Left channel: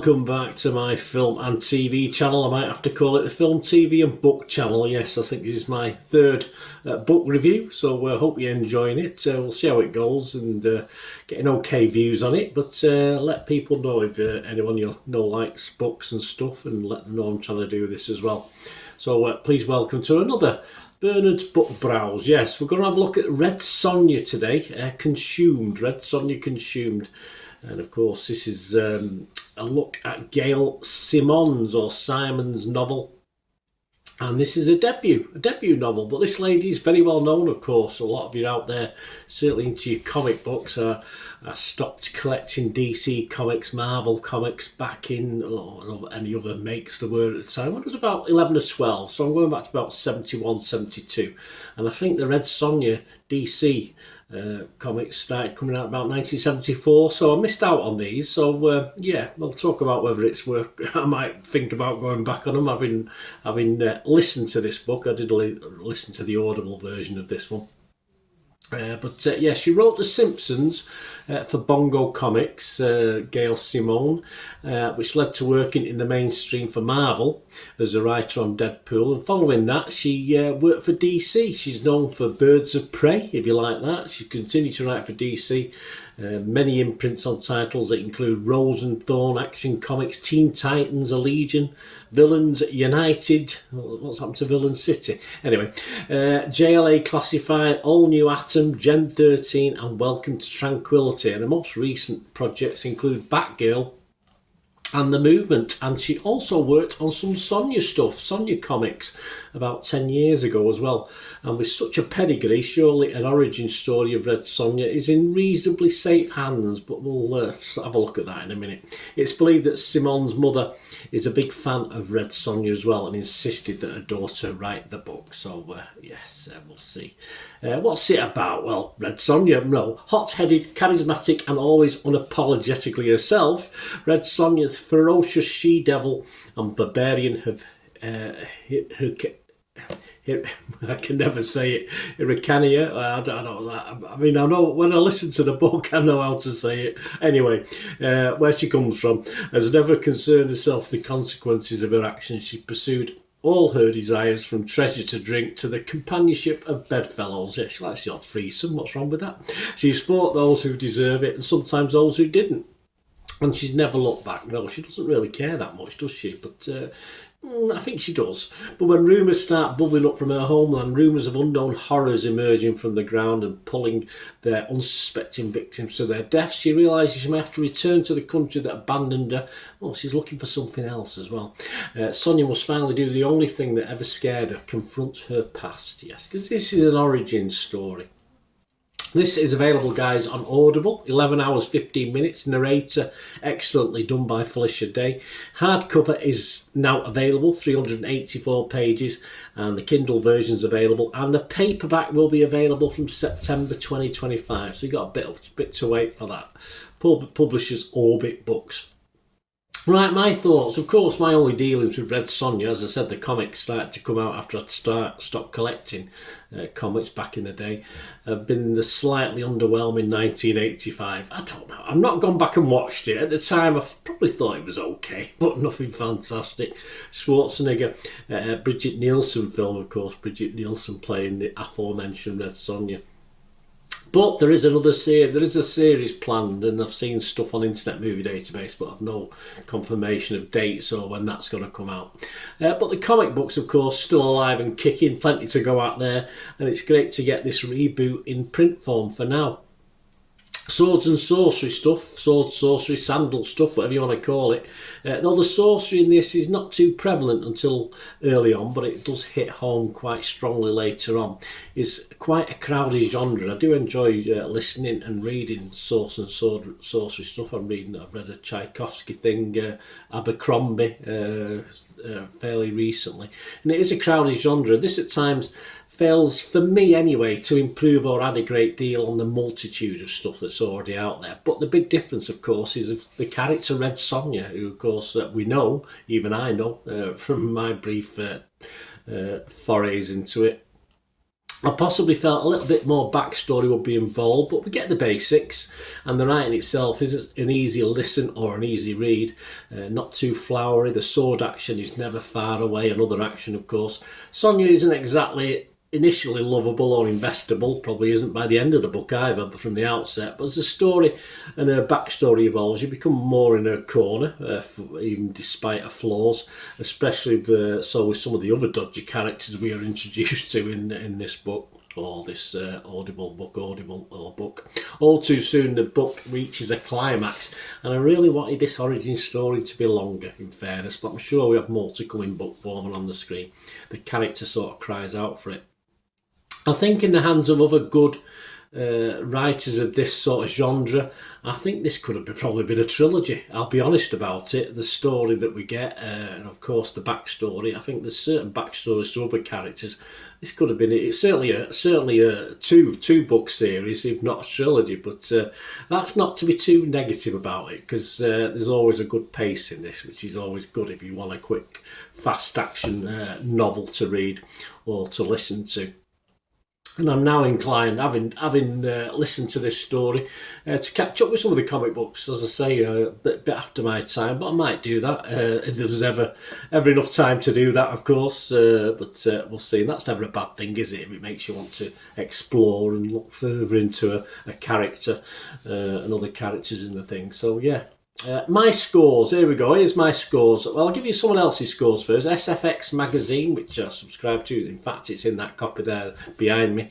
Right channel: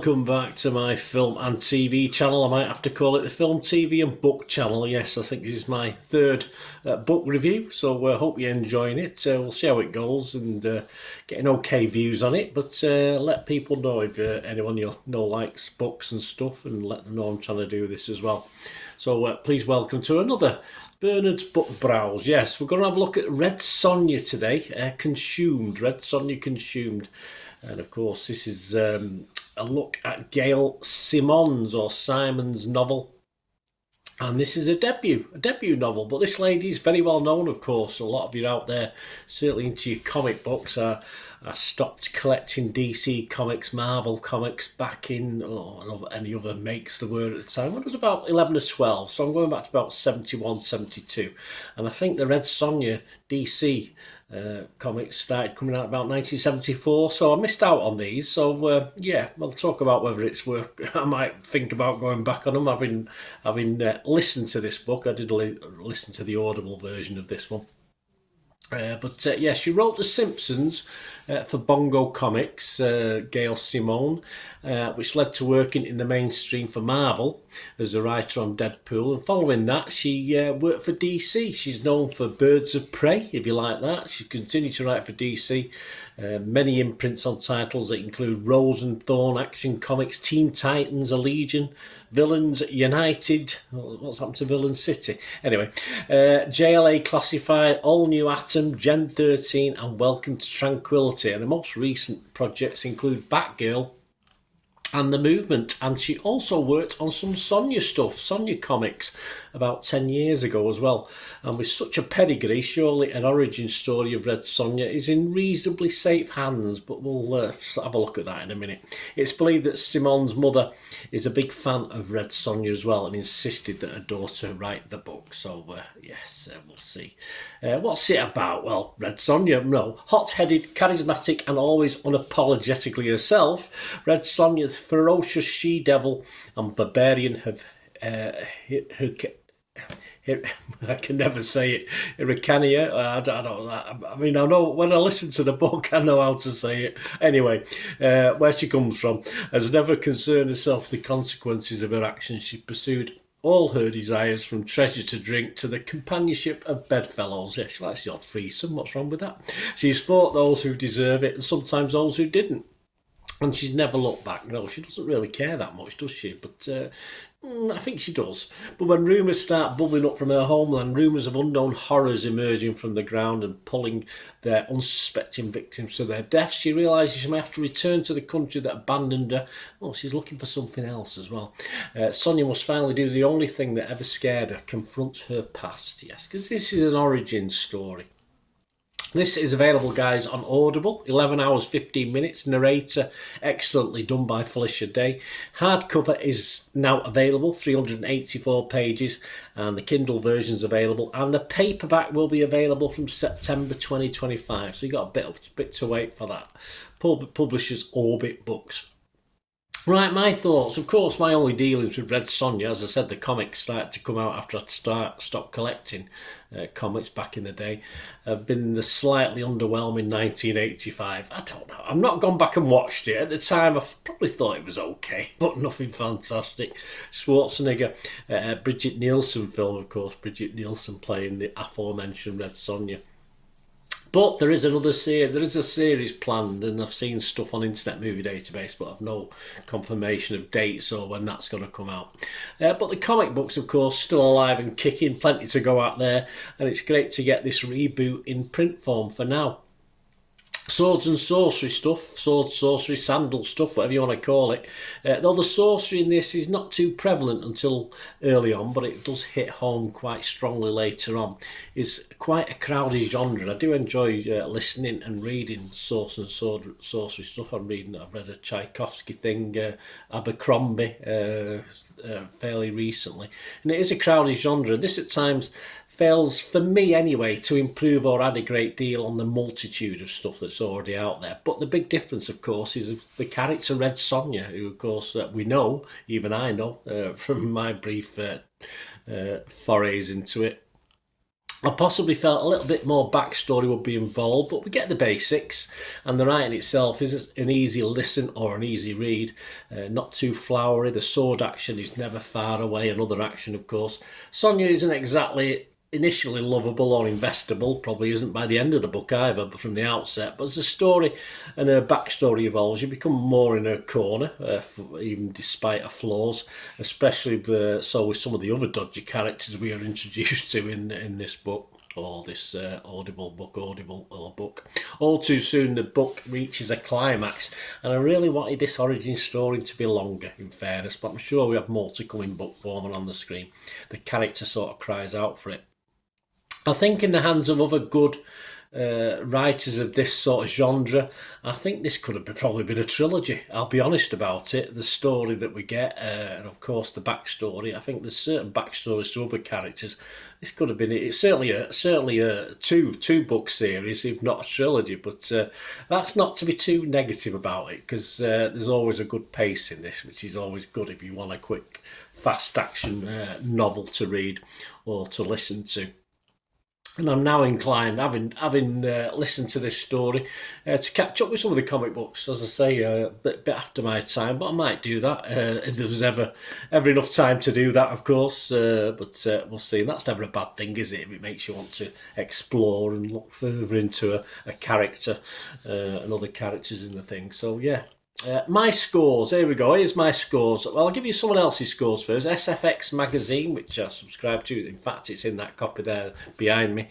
welcome back to my film and TV channel. I might have to call it the Film, TV and Book channel. Yes, I think this is my third book review, so I hope you're enjoying it. We'll see how it goes and getting okay views on it, but let people know if anyone you know likes books and stuff, and let them know I'm trying to do this as well. So please welcome to another Bernard's Book Browse. Yes, we're going to have a look at Red Sonja today, Consumed, Red Sonja Consumed. And of course, this is a look at Gail Simone's or Simon's novel. And this is a debut novel. But this lady is very well known, of course. A lot of you out there, certainly into your comic books, I stopped collecting DC comics, Marvel comics back in, any other makes the word at the time, when I was about 11 or 12. So I'm going back to about 71, 72. And I think the Red Sonja DC comics started coming out about 1974, so I missed out on these. So yeah, we'll talk about whether it's worth. I might think about going back on them. Having listened to this book, I did listen to the Audible version of this one. But yeah, she wrote The Simpsons for Bongo Comics, Gail Simone, which led to working in the mainstream for Marvel as a writer on Deadpool. And following that, she worked for DC. She's known for Birds of Prey, if you like that. She continued to write for DC. Many imprints on titles that include Rose and Thorn, Action Comics, Teen Titans, A Legion, Villains United. What's happened to Villain City? Anyway, JLA Classified, All New Atom, Gen 13 and Welcome to Tranquility. And the most recent projects include Batgirl and The Movement, and she also worked on some Sonja stuff, Sonja comics, about 10 years ago as well. And with such a pedigree, surely an origin story of Red Sonja is in reasonably safe hands, but we'll have a look at that in a minute. It's believed that Simone's mother is a big fan of Red Sonja as well and insisted that her daughter write the book. So yes, we'll see. What's it about? Well, Red Sonja, no. Hot-headed, charismatic and always unapologetically herself, Red Sonja, ferocious she-devil and barbarian have I can never say it. Hirikania. I mean, I know when I listen to the book, I know how to say it. Anyway, where she comes from, has never concerned herself with the consequences of her actions. She pursued all her desires, from treasure to drink to the companionship of bedfellows. Yeah, she likes your threesome. What's wrong with that? She's fought those who deserve it and sometimes those who didn't. And she's never looked back. No, she doesn't really care that much, does she? But I think she does. But when rumours start bubbling up from her homeland, rumours of unknown horrors emerging from the ground and pulling their unsuspecting victims to their deaths, she realises she may have to return to the country that abandoned her. Well, she's looking for something else as well. Sonja must finally do the only thing that ever scared her, confront her past. Yes, because this is an origin story. This is available, guys, on Audible. 11 hours, 15 minutes. Narrator, excellently done by Felicia Day. Hardcover is now available, 384 pages, and the Kindle version is available. And the paperback will be available from September 2025. So you've got a bit to wait for that. Publishers Orbit Books. Right, my thoughts. Of course, my only dealings with Red Sonja, as I said, the comics started to come out after I'd stopped collecting comics back in the day, have been the slightly underwhelming 1985. I don't know. I've not gone back and watched it. At the time, I probably thought it was okay, but nothing fantastic. Schwarzenegger, Bridget Nielsen film, of course. Bridget Nielsen playing the aforementioned Red Sonja. But there is another series. There is a series planned, and I've seen stuff on Internet Movie Database, but I've no confirmation of dates or when that's going to come out. But the comic books, of course, still alive and kicking. Plenty to go out there, and it's great to get this reboot in print form for now. Swords and sorcery stuff, sword, sorcery, sandal stuff, whatever you want to call it. Though the sorcery in this is not too prevalent until early on, but it does hit home quite strongly later on. It's quite a crowded genre. I do enjoy listening and reading sorcery stuff. I've read a Tchaikovsky thing, Abercrombie, fairly recently. And it is a crowded genre. This at times fails, for me anyway, to improve or add a great deal on the multitude of stuff that's already out there. But the big difference, of course, is of the character Red Sonja, who, of course, we know, even I know, from my brief forays into it. I possibly felt a little bit more backstory would be involved, but we get the basics, and the writing itself is an easy listen or an easy read, not too flowery. The sword action is never far away, another action, of course. Sonja isn't exactly initially lovable or investable, probably isn't by the end of the book either, but from the outset. But as the story and her backstory evolves, you become more in her corner, even despite her flaws, especially with some of the other dodgy characters we are introduced to in this book. Or this audible book. All too soon the book reaches a climax, and I really wanted this origin story to be longer, in fairness, but I'm sure we have more to come in book form and on the screen. The character sort of cries out for it. I think in the hands of other good writers of this sort of genre, I think this could have probably been a trilogy. I'll be honest about it. The story that we get, and of course the backstory. I think there's certain backstories to other characters. This could have been it's certainly a two book series, if not a trilogy. But that's not to be too negative about it, because there's always a good pace in this, which is always good if you want a quick, fast action novel to read or to listen to. And I'm now inclined, having listened to this story, to catch up with some of the comic books. As I say, a bit after my time, but I might do that if there was ever enough time to do that, of course. But we'll see. And that's never a bad thing, is it? If it makes you want to explore and look further into a character and other characters in the thing. So yeah. My scores, here we go, here's my scores. Well, I'll give you someone else's scores first. SFX Magazine, which I subscribe to, in fact it's in that copy there behind me.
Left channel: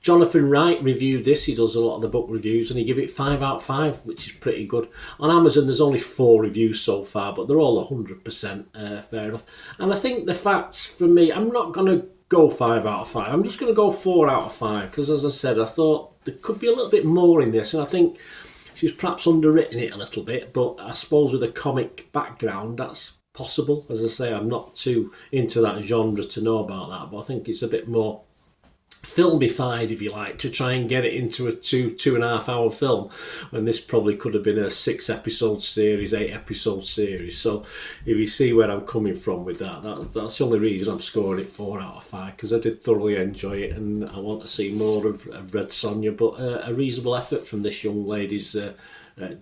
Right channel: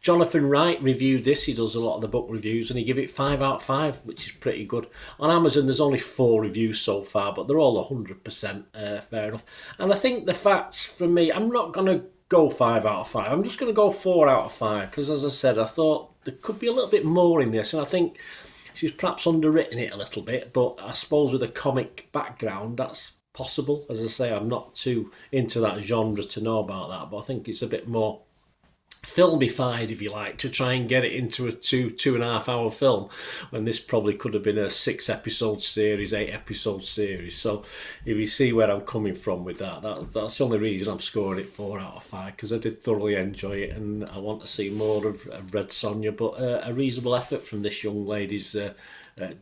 Jonathan Wright reviewed this, he does a lot of the book reviews, and he gave it 5 out of 5, which is pretty good. On Amazon there's only 4 reviews so far, but they're all 100% fair enough. And I think the facts, for me, I'm not going to go 5 out of 5, I'm just going to go 4 out of 5, because as I said, I thought there could be a little bit more in this, and I think she's perhaps underwritten it a little bit, but I suppose with a comic background, that's possible. As I say, I'm not too into that genre to know about that, but I think it's a bit more filmified, if you like, to try and get it into a 2.5 hour film, when this probably could have been a 6 episode series, 8 episode series. So if you see where I'm coming from with that's the only reason I'm scoring it 4 out of 5, because I did thoroughly enjoy it and I want to see more of Red Sonja. But a reasonable effort from this young lady's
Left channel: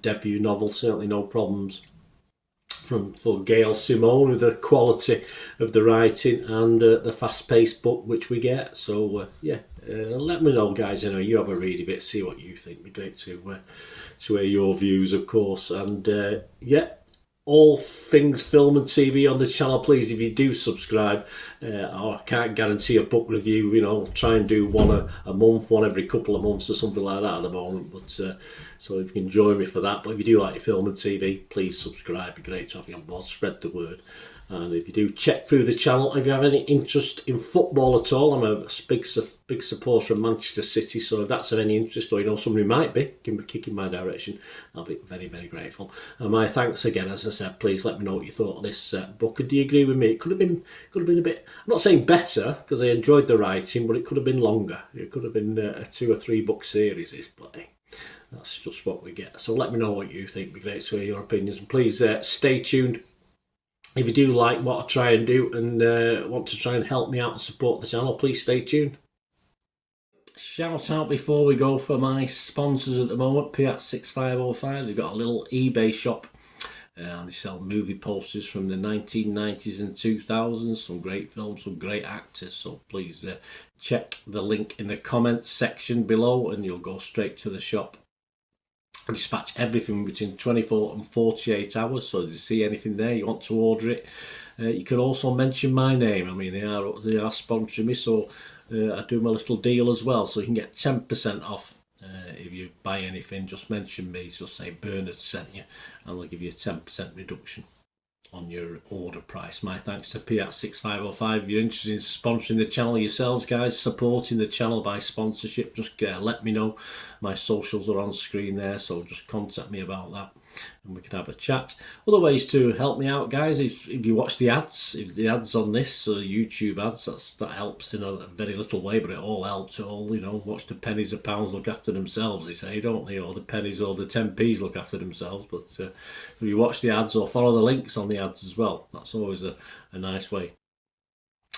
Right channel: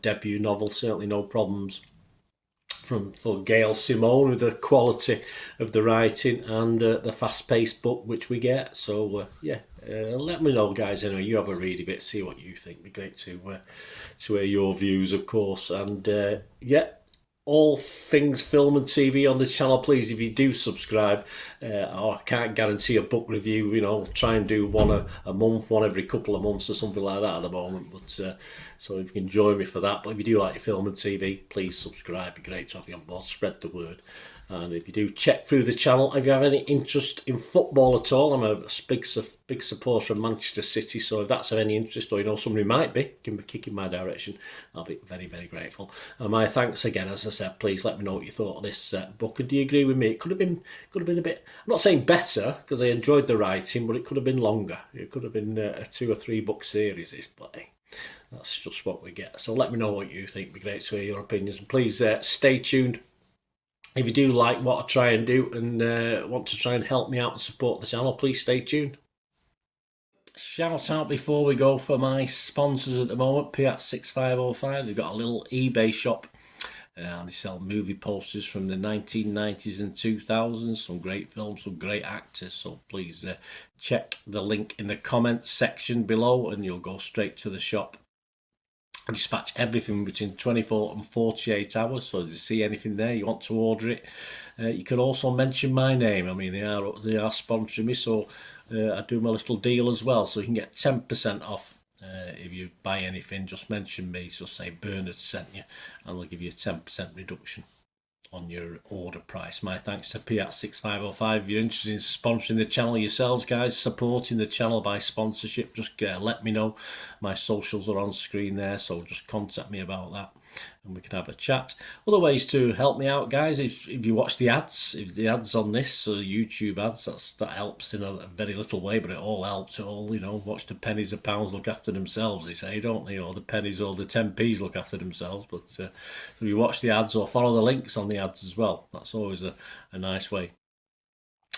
debut novel, certainly no problems for Gail Simone, with the quality of the writing and the fast-paced book which we get. So let me know, guys. I know you have a read of it, see what you think. It'd be great to hear your views, of course. And all things film and TV on this channel, please, if you do subscribe, I can't guarantee a book review, I'll try and do one a month, one every couple of months or something like that at the moment, but so if you can join me for that. But if you do like your film and TV, please subscribe, it'd be great to have you on board, spread the word. And if you do check through the channel, if you have any interest in football at all, I'm a big supporter of Manchester City, so if that's of any interest, or you know somebody might be, give me a kick in my direction, I'll be very, very grateful. And my thanks again, as I said, please let me know what you thought of this book, and do you agree with me? It could have been a bit, I'm not saying better, because I enjoyed the writing, but it could have been longer. It could have been a 2 or 3 book series, but hey, that's just what we get. So let me know what you think, it'd be great to hear your opinions, and please stay tuned. If you do like what I try and do and want to try and help me out and support the channel, please stay tuned. Shout out before we go for my sponsors at the moment, Piat6505. They've got a little eBay shop and they sell movie posters from the 1990s and 2000s, some great films, some great actors. So please check the link in the comments section below and you'll go straight to the shop. I dispatch everything between 24 and 48 hours, so if you see anything there, you want to order it, you can also mention my name. I mean, they are sponsoring me, so I do my little deal as well, so you can get 10% off if you buy anything. Just mention me, just say Bernard sent you, and they'll give you a 10% reduction on your order price. My thanks to Piat6505. If you're interested in sponsoring the channel yourselves, guys, supporting the channel by sponsorship, just let me know. My socials are on screen there, so just contact me about that and we can have a chat. Other ways to help me out, guys, if you watch the ads, if the ads on this, YouTube ads, that helps in a very little way, but it all helps. It all, watch the pennies and pounds look after themselves, they say, don't they? Or the pennies or the 10p's look after themselves. But if you watch the ads or follow the links on the ads as well, that's always a nice way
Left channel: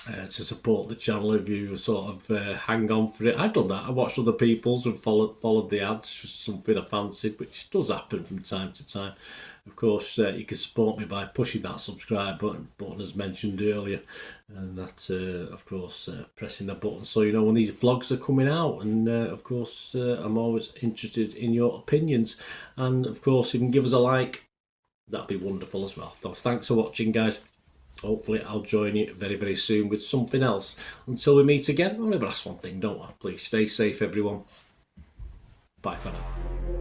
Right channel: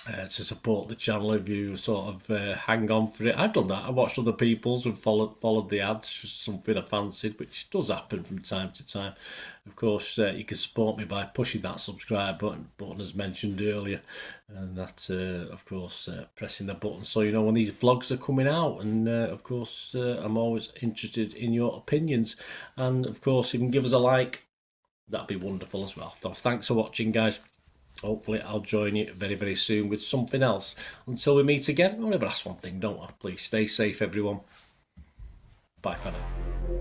to support the channel if you sort of hang on for it. I've done that. I watched other people's and followed the ads, just something I fancied, which does happen from time to time. Of course, you can support me by pushing that subscribe button as mentioned earlier, and that's of course pressing the button so you know when these vlogs are coming out. And of course, I'm always interested in your opinions, and of course, if you can give us a like, that'd be wonderful as well. So thanks for watching, guys. Hopefully I'll join you very, very soon with something else. Until we meet again, I'll never ask one thing, don't I? Please stay safe, everyone. Bye for now.